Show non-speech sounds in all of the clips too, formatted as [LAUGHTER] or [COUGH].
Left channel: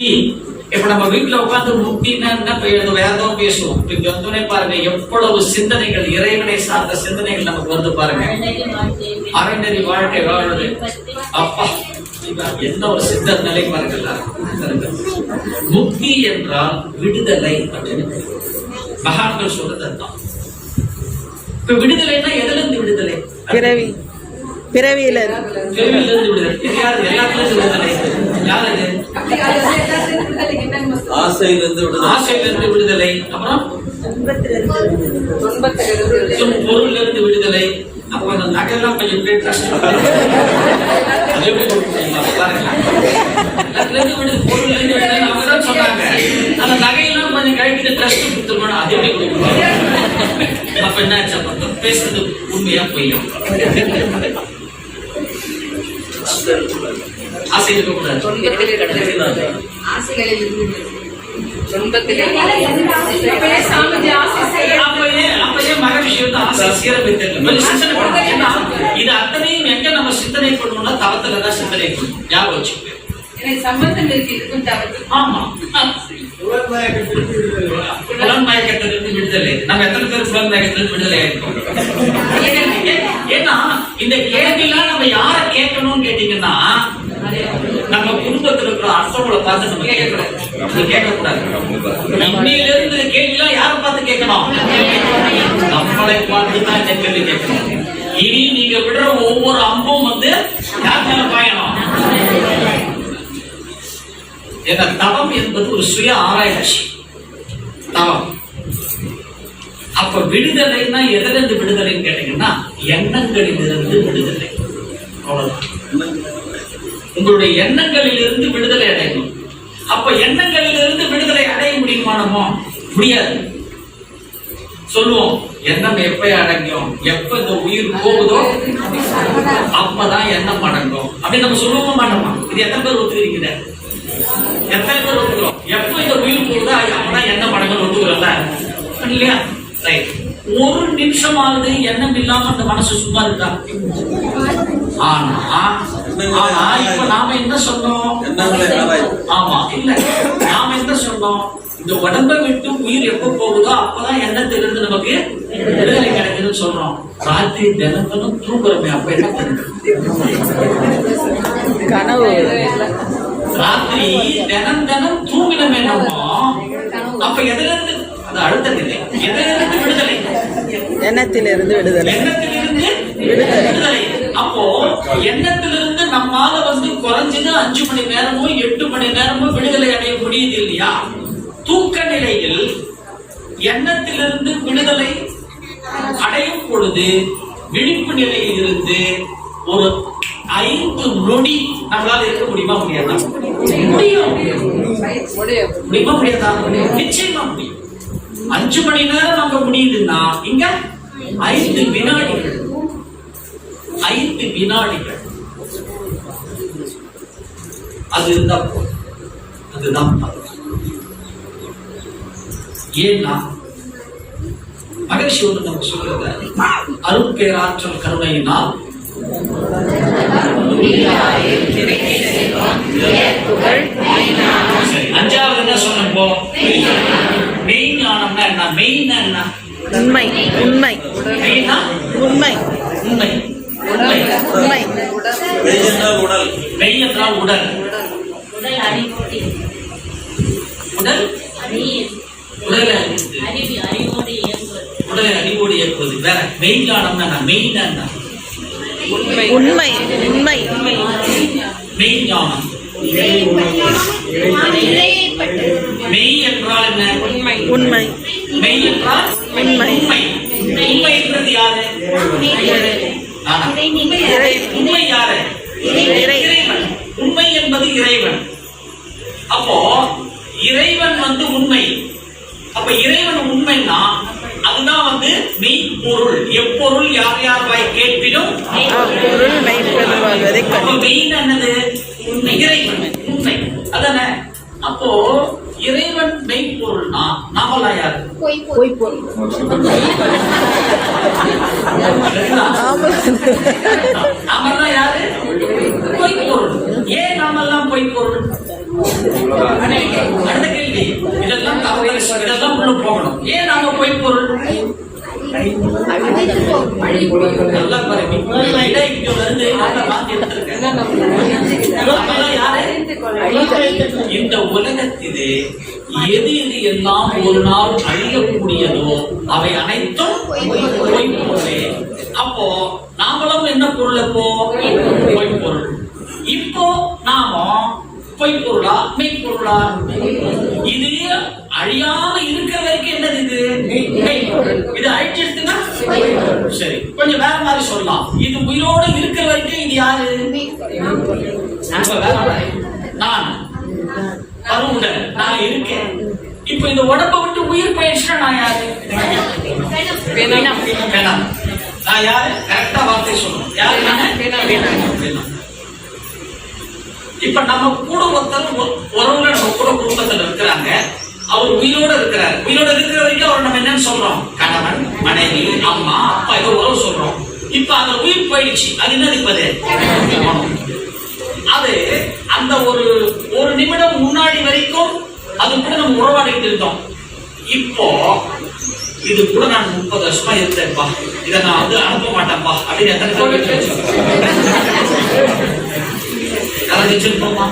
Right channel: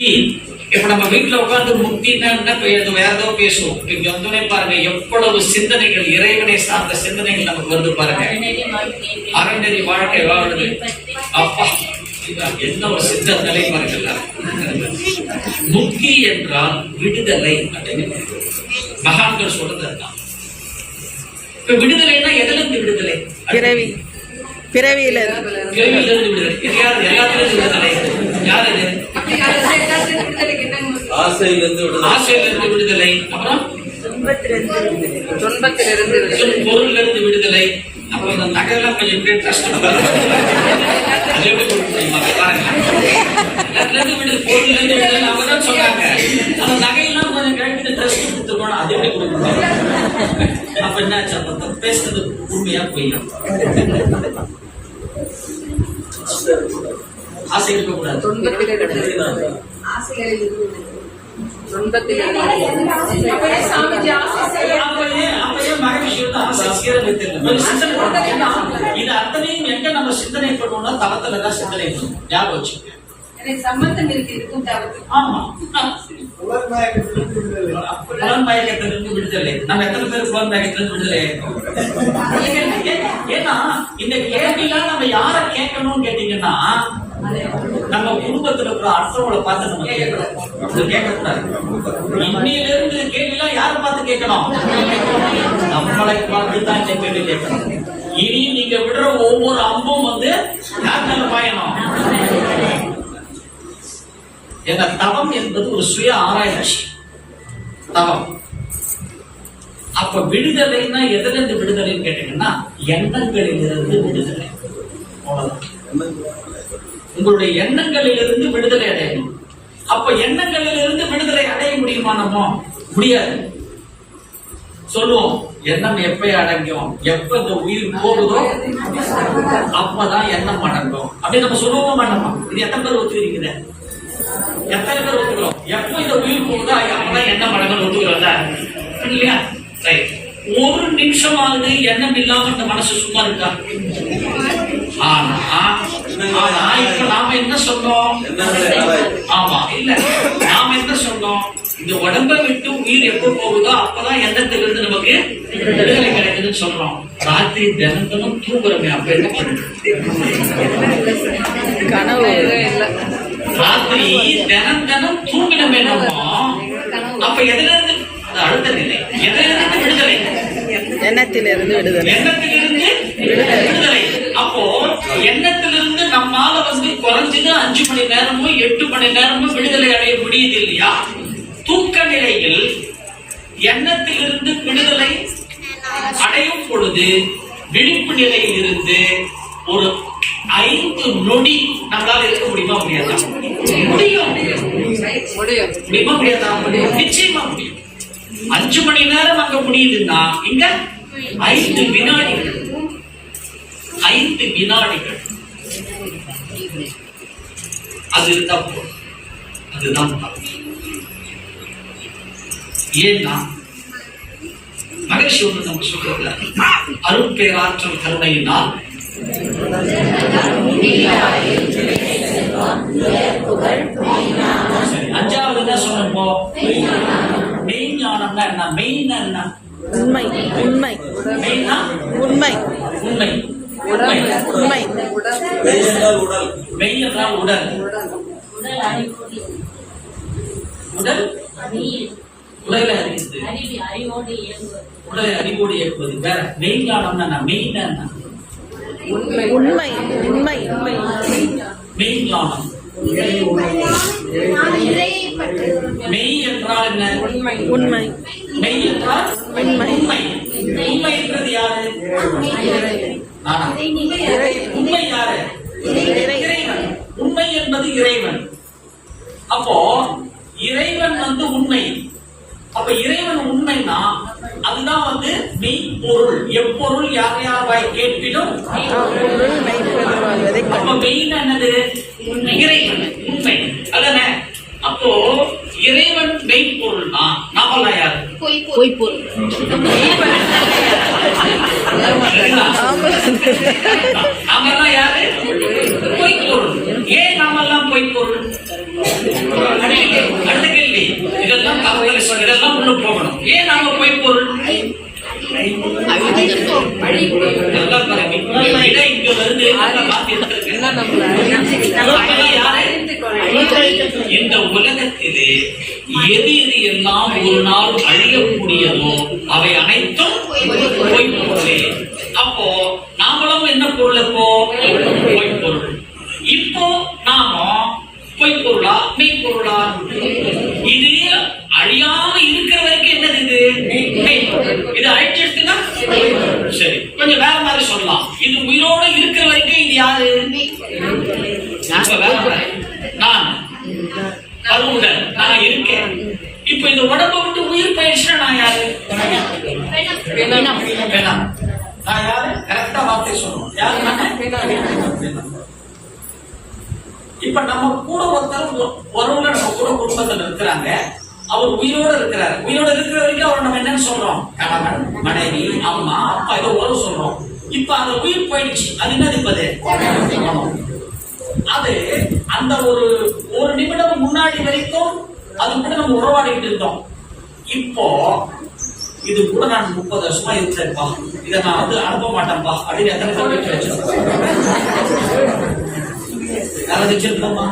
இப்ப நம்ம வீட்டுல உட்கார்ந்து முக்தினா என்ன வேற ஏதோ பேசுவோம் வந்தோடனே பாருங்க எவ்வளவு சிந்தனைகள் இறைவனை சார்ந்த சிந்தனைகள் நமக்கு வந்து பாருங்க அறநெறி வாழ்க்கை வாழுது அப்பா என்ன ஒரு சித்த நிலை பாருங்கல்ல முக்தி என்றால் விடுதலை அப்படின்னு மகான்கள் சொல்றது இப்ப விடுதலைன்னா எதுல இருந்து விடுதலை பிறவி பிறவியில இருந்து. விடுதலை யார் எல்லாத்திலிருந்து விடுதலை யார் இது ஆசையிலிருந்து விடுதலை ஆசையிலிருந்து விடுதலை அப்புறம் துன்பத்திலிருந்து சொல் பொருள்ல இருந்து விடுதலை அப்புறம் அந்த நகைலாம் கொஞ்சம் பேர் கஷ்டம் [LAUGHS] சொன்னாங்க. அந்த நகையெல்லாம் கொஞ்சம் கழிப்பிட்டு கொடுத்துருக்கணும். அது எப்படி கொடுக்க முடியும்? அப்ப? அப்ப அந்த பேசுறது உண்மையா பொய்யா? ஆசை இருக்கக்கூடாது அப்பயே அப்பயே மகரிஷி வந்து ஆசை சீரமைத்தாங்க. கொஞ்சம் சிந்தனை பண்ணணும். ஏன்னா, இது அத்தனையும் எங்க நம்ம சிந்தனை பண்ணுவோம்னா தவத்துல தான் சிந்தனை பண்ணுவோம் ஞாபகம் வச்சுக்கோங்க. சம்பந்தம் இருக்கு. இதுக்கும் தவிர்த்து ஆமா. புலன் மயக்கத்திலிருந்து விடுதலை. நம்ம எத்தனை பேர் புலன் மயக்கத்திலிருந்து விடுதலை ஆயிருக்கோம்? ஏ- [LAUGHS] ஏன்னா இந்த கேள்வியெல்லாம் நம்ம யார கேட்கணும்னு கேட்டீங்கன்னா நம்ம குடும்பத்துல இருக்கிற அரசர்களை பார்த்து நம்ம கேட்கக்கூடாது நம்ம கேட்கக்கூடாது. இன்னையில இருந்து கேள்விலாம் யாரை பார்த்து கேட்கணும்? நம்மளை பார்த்து தான் இந்த கேள்வி கேட்கணும். இனி நீங்க விடுற ஒவ்வொரு அம்பும் வந்து யார் மேல பாயணும்? எங்க தவம் என்பது ஒரு சுய ஆராய்ச்சி. தவம். அப்ப விடுதலைன்னா எதுல இருந்து விடுதலைன்னு கேட்டீங்கன்னா எண்ணங்களிலிருந்து விடுதலை. அவ்வளவுதான். உங்களுடைய எண்ணங்களிலிருந்து விடுதலை அடையணும். அப்ப எண்ணங்களிலிருந்து விடுதலை அடைய முடியுமா நம்ம? முடியாது. சொல்லுவோம் எண்ணம் எப்ப அடங்கும்? எப்ப இந்த உயிர் போகுதோ அப்பதான் எண்ணம் அடங்கும். அப்படி நம்ம சொல்லுவோம் மாட்டோமா இது எத்தனை பேர் ஒத்துக்கிறீங்க? எத்தனை பேர் ஒத்துக்கிறோம்? எப்ப இந்த உயிர் போகுதோ அப்பதான் எண்ணம் அடங்கும் ஒத்துக்கிறோம்ல. இல்லையா? ஒரு நிமிஷமாவது எண்ணம் இல்லாம இந்த மனசு சும்மா இருக்கா? ஆனா இப்ப நாம என்ன சொன்னோம். ஆமா இல்ல. நாம என்ன சொன்னோம்? இந்த உடம்பை விட்டு உயிர் எப்ப போகுதோ அப்பதான் எண்ணத்திலிருந்து நமக்கு விடுதலை கிடைக்குதுன்னு சொல்றோம். ராத்திரி தினம் தினம் தூங்குறோமே அப்ப என்ன கனவு. ராத்திரி தினம் தினம் தூங்கினமே நம்ம அப்ப எதுல விடுதலை. எண்ணத்திலிருந்து விடுதலை. எண்ணத்திலிருந்து விடுதலை. அப்போ எண்ணத்திலிருந்து நம்மால வந்து குறைஞ்சது அஞ்சு மணி நேரமோ எட்டு மணி நேரமோ விடுதலை அடைய முடியுது இல்லையா தூக்க நிலையில் எண்ணத்திலிருந்து விடுதலை அடையும் பொழுது விழிப்பு நிலையில் இருந்து ஒரு ஐந்து நொடி நம்மளால இருக்க முடியுமா முடியாதா? முடியும். முடியும் முடியுமா. முடியாதா? நிச்சயமா முடியும். அஞ்சு மணி நேரம் அங்க முடியுதுன்னா இங்க ஐந்து வினாடிகள். ஐந்து வினாடிகள். அது இருந்தா போதும். அதுதான் ஏன்னா மகிழ்ச்சி ஒன்று நம்ம சொல்றது அருட்பேராற்றல் கருணையினால் அஞ்சாவது என்ன சொன்னோம் இப்போ மெயின் ஞானம்னா என்ன மெயின் என்ன உண்மை உண்மை. உண்மை. உண்மை. உண்மை உண்மை. உடல் மெய் என்றால் உடல் உடல் அறிவோடு உடல் உடலை அறிவோடு இயங்குவது அறிவோடு இயக்குவது வேற உண்மை. உண்மை மெய் என்றால் என்ன உண்மை. உண்மை. உண்மை. உண்மை என்றது யாரு உண்மை யாரு இறை. இறைவன் உண்மை என்பது இறைவன் அப்போ இறைவன் வந்து உண்மை. அப்ப இறைவன் உண்மைன்னா அதுதான் வந்து மெய் பொருள் எப்பொருள் யார் யார் வாய் கேட்பினும் அப்பொருள் மெய்ப்பெரு வாழ்வதை அப்ப கண்டு. மெயின் என்னது? இறைவன் உண்மை. அதானே? அப்போ இறைவன் மெய்ப்பொருள்னா நாமெல்லாம் யாரு? பொய்ப்பொருள் ஏன் நாமெல்லாம் பொய்ப்பொருள் இல்லை இதெல்லாம் கவலை இதெல்லாம் உள்ள போகணும். ஏன் நாம போய் பொருள்? இந்த உலகத்திலே எது எது எல்லாம் ஒரு நாள் அழியக்கூடியதோ? அவை அனைத்தும் அப்போ நாமளும் என்ன பொருள் இப்போ? பொருள் இப்போ நாம பொய் பொருளா மெய் பொருளா இது அழியாம இருக்கிற வரைக்கும் என்னது இது. இது அழிச்சிருக்குன்னா சரி கொஞ்சம் வேற மாதிரி சொல்லலாம். இது உயிரோட இருக்கிற வரைக்கும் இது யாரு? அப்ப வேற மாதிரி. நான் அருவுடன் நான் இருக்கேன் இப்ப இந்த உடம்ப விட்டு உயிர் போயிடுச்சுன்னா நான் யாரு? வேணாம். நான் யாரு? கரெக்டா வார்த்தை சொல்லணும். யாரு? இப்ப நம்ம கூட ஒருத்தர் உறவுல நம்ம கூட குடும்பத்துல இருக்கிறாங்க. அவர் உயிரோட இருக்கிறார். உயிரோட இருக்கிற வரைக்கும் அவர் நம்ம என்னன்னு சொல்றோம்? கணவன் மனைவி அம்மா அப்பா ஏதோ உறவு சொல்றோம். இப்ப அந்த உயிர் போயிடுச்சு. அது என்னது இப்ப அது அந்த ஒரு ஒரு நிமிடம் முன்னாடி வரைக்கும் அது கூட நம்ம உறவாடிட்டு இருந்தோம். இப்போ இது கூட நான் முப்பது வருஷமா இருந்தேன்ப்பா இதை நான் வந்து அனுப்ப மாட்டேன்ப்பா அப்படின்னு எத்தனை யாராவது வச்சிருப்போமா?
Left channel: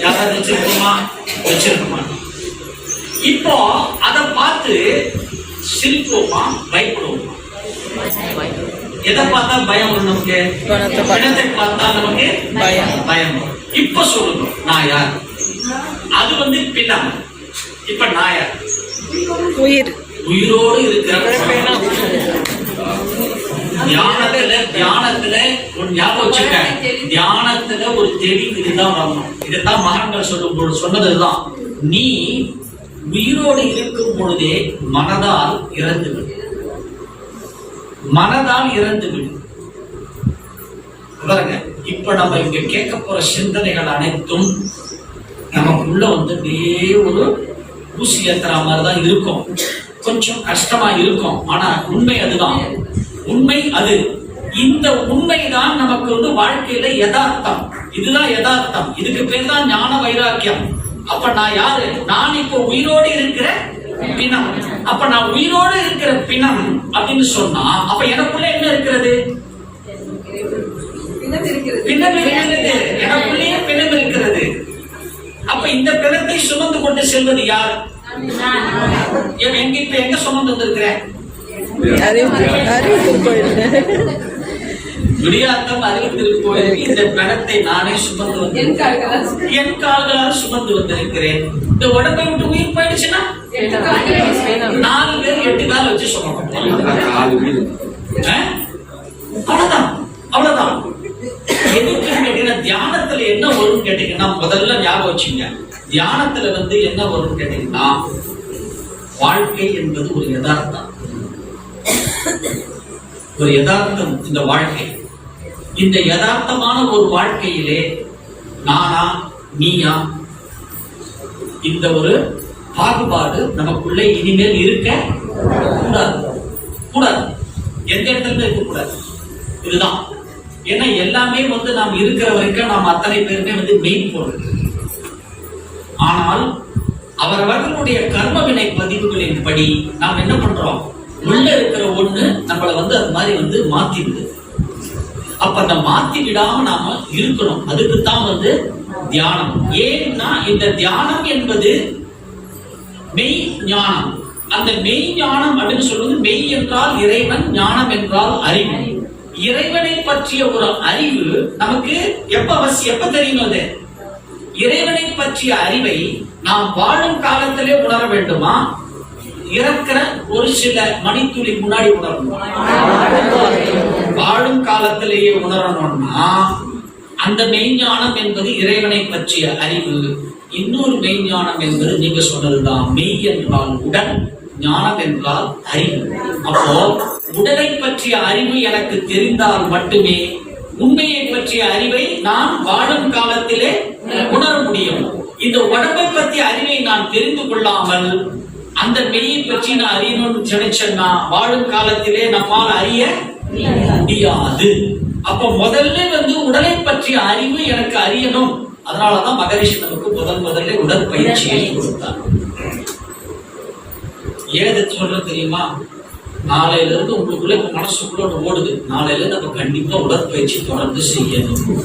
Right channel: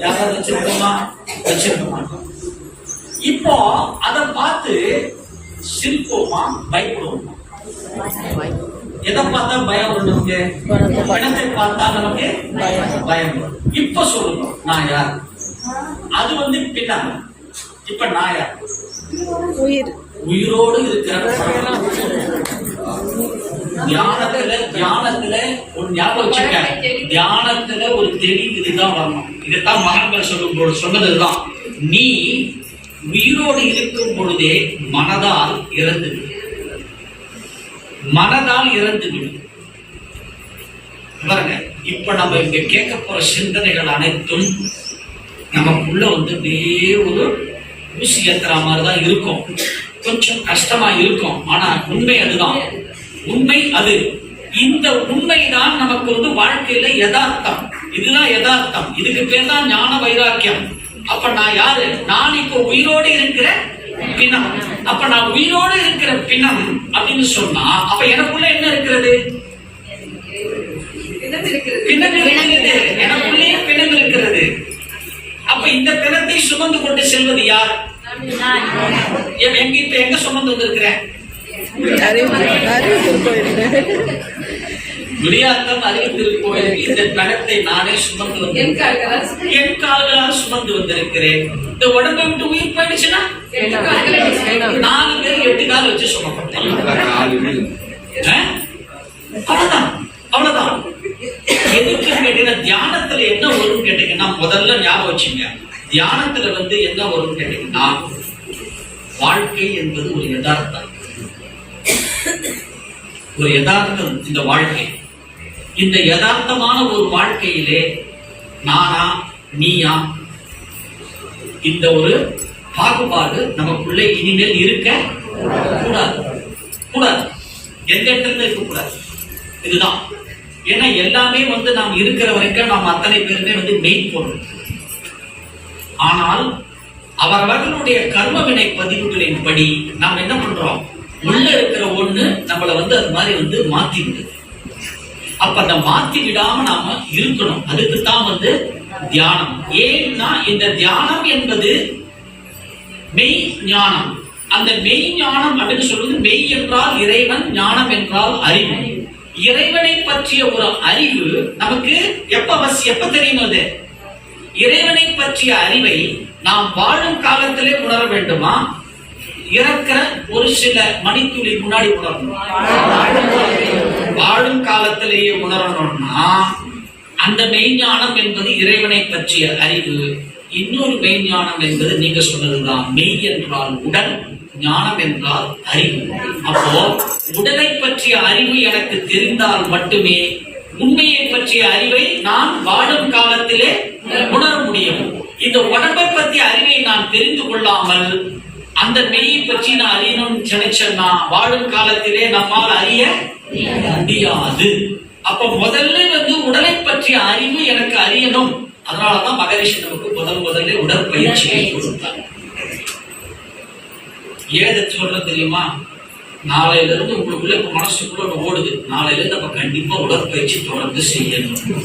யாராவது வச்சிருப்போமா? வச்சிருக்க மாட்டோம். இப்போ அதை பார்த்து சிரிப்போமா? பயப்படுவோமா? எதை பார்த்தா பயம் வரும் நமக்கு? பார்த்தா. நமக்கு பயம். பயம். இப்ப சொல்லுங்க நான் யார்? அது வந்து பின்னால இப்ப நான் யார் உயிர். உயிரோடு இருக்கிற தியானத்துல தியானத்துல ஒரு ஞாபகம் தியானத்துல ஒரு தெளிவு இதுதான் வரணும். இதுதான் மகான்கள் சொல்லும் பொழுது சொன்னதுதான். நீ உயிரோடு இருக்கும் பொழுதே மனதால் இறந்து மனதால் இறந்து பாருங்க இப்ப நம்ம இங்க கேட்க போற சிந்தனைகள் அனைத்தும் நமக்குள்ள வந்து அப்படியே ஒரு ஊசி ஏத்துற மாதிரி தான் இருக்கும். கொஞ்சம் கஷ்டமா இருக்கும். ஆனா உண்மை அதுதான். உண்மை அது. இந்த உண்மைதான் நமக்கு வந்து வாழ்க்கையில யதார்த்தம். இதுதான் யதார்த்தம். இதுக்கு பேர் தான் ஞான வைராக்கியம். அப்ப நான் யாரு? நான் இப்போ உயிரோடு இருக்கிற பிணம் அப்ப நான் உயிரோடு இருக்கிற பிணம் அப்படின்னு சொன்னா அப்ப எனக்குள்ள என்ன இருக்கிறது? பிணம் இருக்கிறது. எனக்குள்ளேயே பிணம் இருக்கிறது. இந்த பிணத்தை சுமந்து கொண்டு செல்வது யார்? எங்க எங்க இப்ப எங்க சுமந்து வந்திருக்கிறேன்? அறிவு அறிவு திருக்கோயில் விளையாட்டம் அறிவித்திருப்போம் இந்த பிணத்தை நானே சுமந்து வந்து என் கால்களால் சுமந்து வந்திருக்கிறேன். இந்த உடம்பை விட்டு உயிர் போயிடுச்சுன்னா? நாலு பேர் எட்டு கால் வச்சு சுமப்பட்டேன் அவ்வளவுதான். அவ்வளவுதான். எதுக்குன்னு கேட்டீங்கன்னா தியானத்துல என்ன வரும்னு கேட்டீங்கன்னா முதல்ல ஞாபகம் வச்சுங்க. தியானத்துல வந்து என்ன வரும்னு கேட்டீங்கன்னா வாழ்க்கை என்பது ஒரு யதார்த்தம். ஒரு யதார்த்தம் இந்த வாழ்க்கை. இந்த யதார்த்தமான ஒரு வாழ்க்கையிலே நானா நீயா இந்த ஒரு பாகுபாடு நமக்குள்ளே இனிமேல் இருக்க கூடாது. கூடாது. எந்த இடத்துல இருக்கக்கூடாது இதுதான். ஏன்னா எல்லாமே வந்து நாம் இருக்கிற வரைக்கும் நாம் அத்தனை பேருமே வந்து மெயின் பொருள். ஆனால் அவரவர்களுடைய கர்மவினை பதிவுகளின் படி நாம் என்ன பண்றோம்? உள்ள இருக்கிற ஒண்ணு நம்மள வந்து அது மாதிரி வந்து மாத்தி விடுது அப்ப அந்த மாத்தி விடாம நாம இருக்கணும். அதுக்கு தான் வந்து தியானம். ஏன்னா இந்த தியானம் என்பது மெய் ஞானம். அந்த மெய் ஞானம் அப்படின்னு சொல்வது மெய் என்றால் இறைவன் ஞானம் என்றால் அறிவு. இறைவனை பற்றிய ஒரு அறிவு நமக்கு எப்ப அவசியம் எப்ப தெரியும் அது? இறைவனை பற்றிய அறிவை நாம் வாழும் காலத்திலே உணர வேண்டுமா? இறக்கிற ஒரு சில மணித்துளி முன்னாடி உணரணும். வாழும் காலத்திலேயே உணரணும்னா அந்த மெய்ஞானம் என்பது இறைவனை பற்றிய அறிவு இன்னொரு மெய்ஞானம் என்பது நீங்க சொன்னதுதான் மெய் என்றால் உடன் ஞானம் என்றால் அறிவு. அப்போ உடலை பற்றிய அறிவு எனக்கு தெரிந்தால் மட்டுமே உண்மையை பற்றிய அறிவை நான் வாழும் காலத்திலே உணர முடியும். இந்த உடம்பை பற்றிய அறிவை நான் தெரிந்து கொள்ளாமல் அந்த மெய்யை பற்றி நான் அறியணும்னு நினைச்சேன்னா வாழும் காலத்திலே நம்மால் அறிய முடியாது. அப்ப முதல்ல வந்து உடலை பற்றிய அறிவு எனக்கு அறியணும். அதனாலதான் மகரிஷி நமக்கு முதல் முதல்ல உடற்பயிற்சியை கொடுத்தார். ஏதை சொல்றது தெரியுமா? நாளையில இருந்து உங்களுக்குள்ள இப்ப மனசுக்குள்ள ஒன்று ஓடுது. நாளையில இருந்து நம்ம கண்டிப்பா உடற்பயிற்சி தொடர்ந்து செய்யணும்.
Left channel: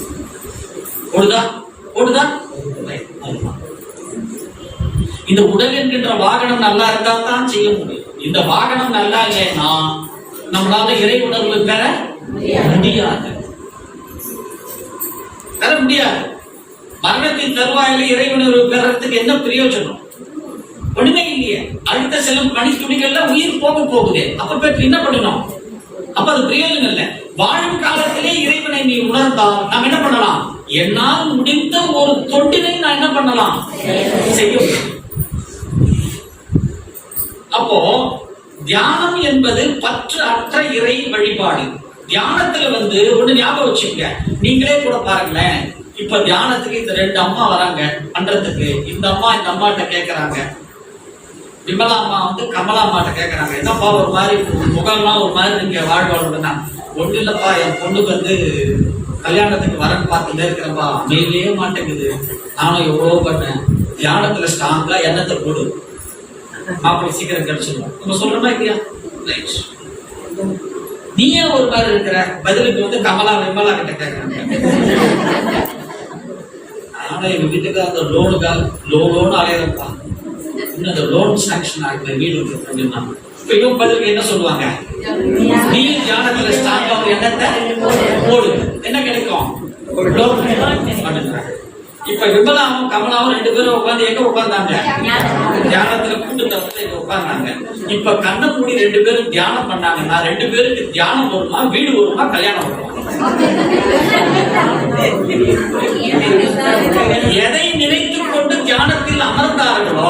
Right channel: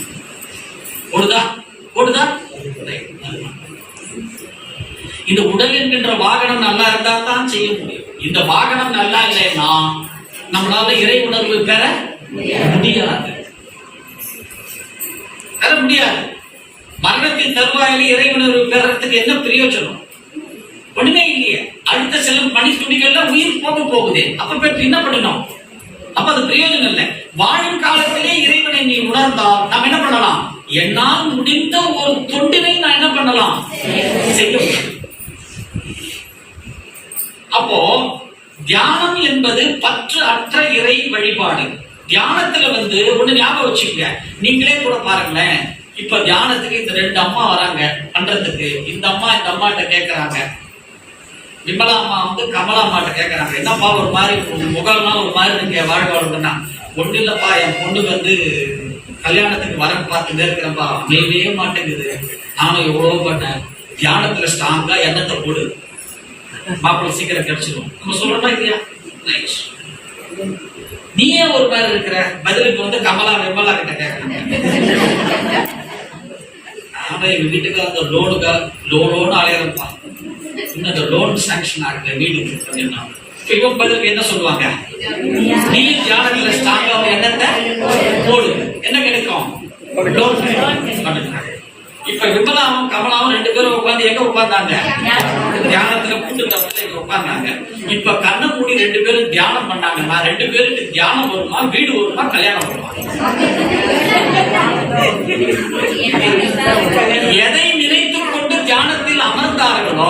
ஓடுதா? ஓடுதா? இந்த உடல் என்கின்ற வாகனம் நல்லா இருந்தா தான் செய்ய முடியும். இந்த வாகனம் நல்லா இல்லைன்னா நம்மளால இறை உணர்வு பெற முடியாது. பெற முடியாது. மரணத்தின் தருவாயில இறை உணர்வு பெறத்துக்கு என்ன பிரயோஜனம்? ஒண்ணுமே இல்லையே. அடுத்த சில பனி துணிகள்ல உயிர் போக போகுது. அப்ப பெற்று என்ன பண்ணணும் அப்ப அது பிரயோஜனம் இல்லை. வாழும் காலத்திலே இறைவனை நீ உணர்ந்தால் நாம் என்ன பண்ணலாம்? என்னால் முடிந்த ஒரு தொண்டினை நான் என்ன பண்ணலாம்? செய்ய முடியும் அப்போ தியானம் என்பது பற்று அற்ற இறை வழிபாடு. தியானத்துல வந்து ஒண்ணு ஞாபகம் வச்சுக்கங்க. நீங்களே கூட பாருங்களேன். இப்ப தியானத்துக்கு இந்த ரெண்டு அம்மா வராங்க. பண்றதுக்கு. இந்த அம்மா இந்த அம்மாட்ட கேக்குறாங்க. விமலா அம்மா வந்து கமலா அம்மாட்ட கேக்குறாங்க என்னப்பா ஒரு மாதிரி முகம்லாம் ஒரு மாதிரி நீங்க வாழ்வாளுன்னா? ஒண்ணு இல்லப்பா என் பொண்ணுக்கு வந்து கல்யாணத்துக்கு வரன் பார்த்துட்டே இருக்கிறப்பா. அமையவே மாட்டேங்குது. நானும் எவ்வளவோ பண்ணேன். தியானத்துல ஸ்ட்ராங்கா எண்ணத்தை போடு மாப்பிள்ளை சீக்கிரம் கிடைச்சிடும் நம்ம சொல்றோமா இல்லையா? ரைட் நீயே ஒரு மாதிரி இருக்கிற? பதிலுக்கு வந்து கமலா விமலா கிட்ட கேட்கறாங்க. ஆனா எங்க வீட்டுக்கு அந்த லோனுக்காக லோனோன்னு அலையிறப்பான் இன்னும் அந்த லோன் சாங்ஷன் ஆகல வீடு அப்படின்னா இப்ப இவன் பதிலுக்கு என்ன சொல்லுவாங்க? நீ தியானத்துல ஸ்ட்ராங்கா ஒரு எண்ணத்தை போடு. என்ன கிடைக்கும் லோன் அப்படின்றாங்க. இப்ப விமலாவும் கமலாவும் ரெண்டு பேரும் உட்கார்ந்து எங்க உட்கார்ந்தாங்க? தியானத்துல கூட்டு தவிர உட்கார்ந்தாங்க. இப்ப கண்ணை மூடி ரெண்டு பேரும் தியானம் பண்ணாங்க நான் ரெண்டு பேருக்கு தியானம் வருமா? வீடு வருமா? கல்யாணம் வருமா? [LAUGHS] எதை நினைத்துக் கொண்டு தியானத்தில் அமர்ந்தார்களோ.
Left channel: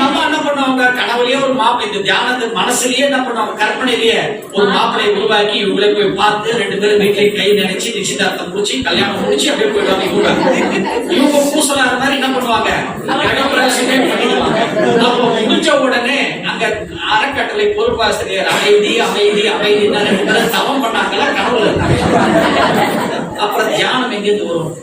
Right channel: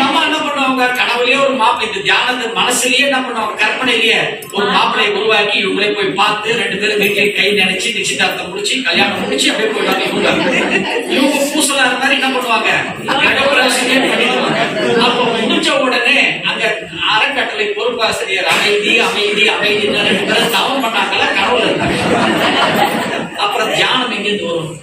அம்மா என்ன பண்ணுவாங்க? கனவுலயே ஒரு மாப்பிள்ளை. இந்த தியானத்து மனசுலயே என்ன பண்ணுவாங்க? கற்பனையிலேயே ஒரு மாப்பிளையை உருவாக்கி இவங்களே போய் பார்த்து ரெண்டு பேரும் வீட்டிலே கை நினைச்சு நிச்சயதார்த்தம் முடிச்சு கல்யாணம் முடிச்சு அப்படியே போயிடுவாங்க இவங்க. இவங்க பூசலா இருந்தா என்ன பண்ணுவாங்க? முடிஞ்ச உடனே அங்க அறக்கட்டளை பொறுப்பாசிரியர் அமைதி அமைதி அமைதி தவம் பண்ணாங்கல்ல கனவுல அப்புறம் தியானம் எங்கேருந்து வரும்?